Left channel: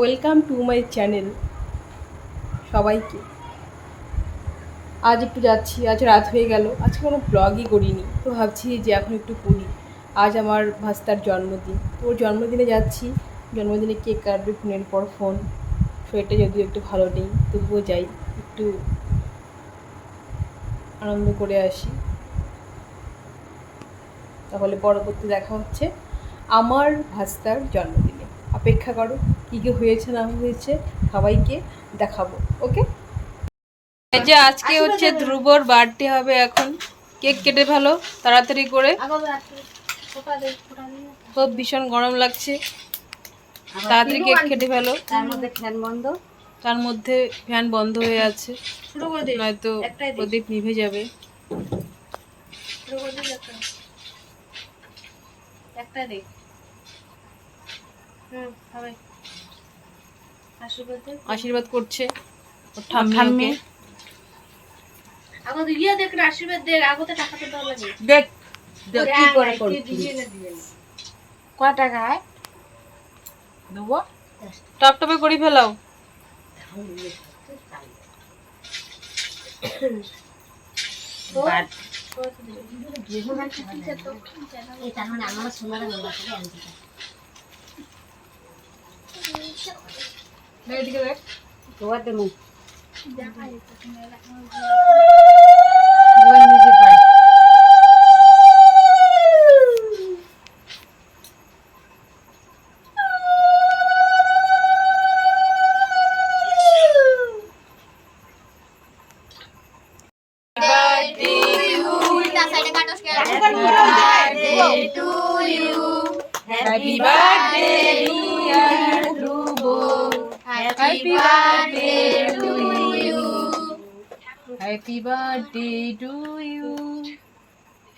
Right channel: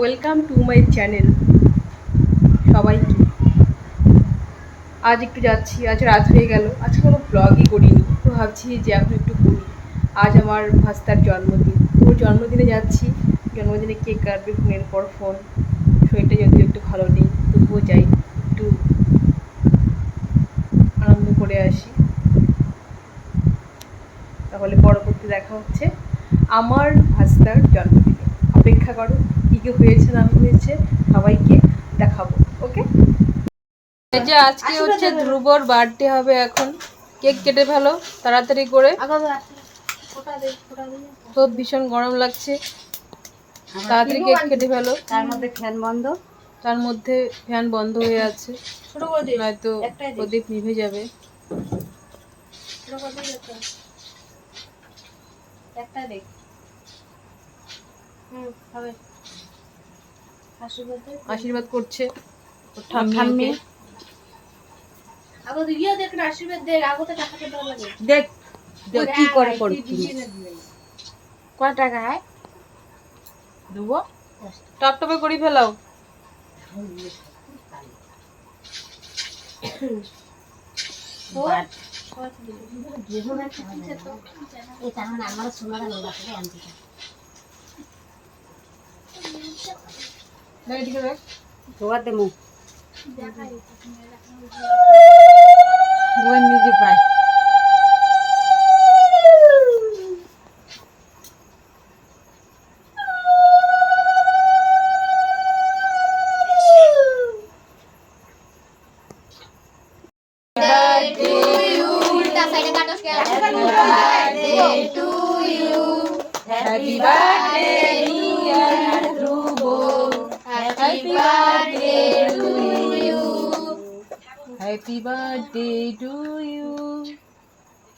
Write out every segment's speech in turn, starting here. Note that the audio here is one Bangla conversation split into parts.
Welcome to my channel. সবাইকে আজ একটু যাচ্ছি, আজ রাত হয়ে গেল, আজকে কোনো ব্লগই করিনি, তো ভাবছি যে এখন একটু করি। আজ আমার ভাস্তার জন্মদিন, তো ওর জন্মদিনে যাচ্ছি, জন্মদিনে কেক কাটবে, ফোনের পর ফোন। শরীরটা যদিও একটু ভালো নেই, তবুও যাই, একটু আনন্দ করে আসি। তাহলে পরবর্তী দেখা হচ্ছে আমার ভাস্তার জন্মদিনে। অপেক্ষা করো, কী কী হয়েছে না হয়েছে সবাইকে দেখাবো। ওকে, এই যে আজকে হচ্ছে ধ্রুবর বার্থডে হবে। এখন কেক কেটে ফেলো তাড়াতাড়ি করে, খুব ভীষণ গরম লাগছে, তাড়াতাড়ি কেক কেটে ফেলো। তার মধ্যে ফ্যান বন্ধ হয়ে আছে, নয়তো প্রদীপ নিভে যাবে। আশীর্বাদ করছে ওর ঠাম্মি। দেখ কি করে কয় টাকা দেবো, টপটপে করে ফেলাও। Happy birthday dear Dhruvo, happy birthday to you, happy birthday to you,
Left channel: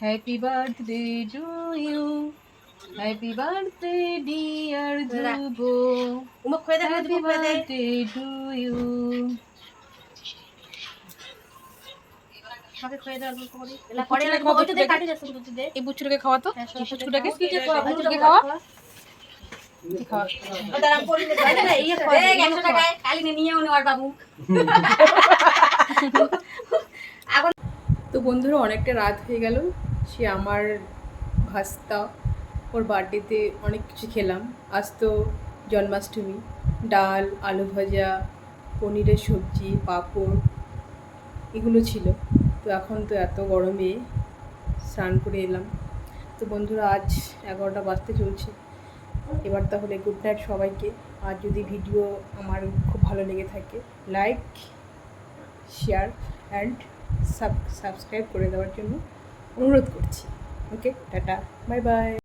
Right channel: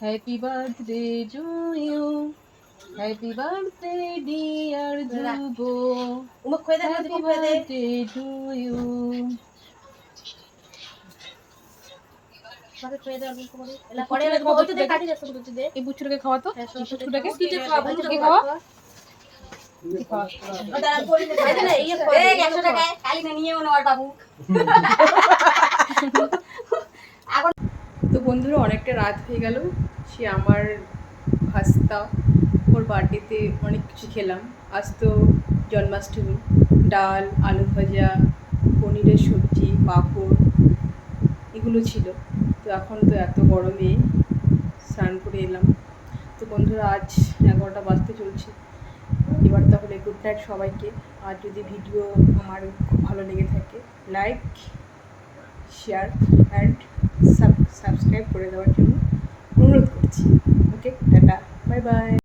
happy birthday to you, happy birthday dear Dhruvo, happy birthday to you. এই বুচ্চুটাকে খাওয়া তো, বুচ্চুটাকে খাওয়া। তো বন্ধুরা, অনেকটা রাত হয়ে গেল। সে আমার ভাস্তা, ওর বার্থডেতে অনেক কিছু খেলাম। আজ তো জন্মাষ্টমী, ডাল, আলু ভাজা, পনিরের সবজি, পাঁপড়, এগুলো ছিল। তো এখন তো এত গরমে স্নান করে এলাম। তো বন্ধুরা, আজ 11টা বাজতে চলছে। এবার তাহলে গুড নাইট সবাইকে। আর যদি ভিডিও আমার খুব ভালো লেগে থাকে, লাইক, শেয়ার অ্যান্ড সাবস্ক্রাইব করে দেওয়ার জন্য অনুরোধ করছি। ওকে, টাটা, বাই বাই।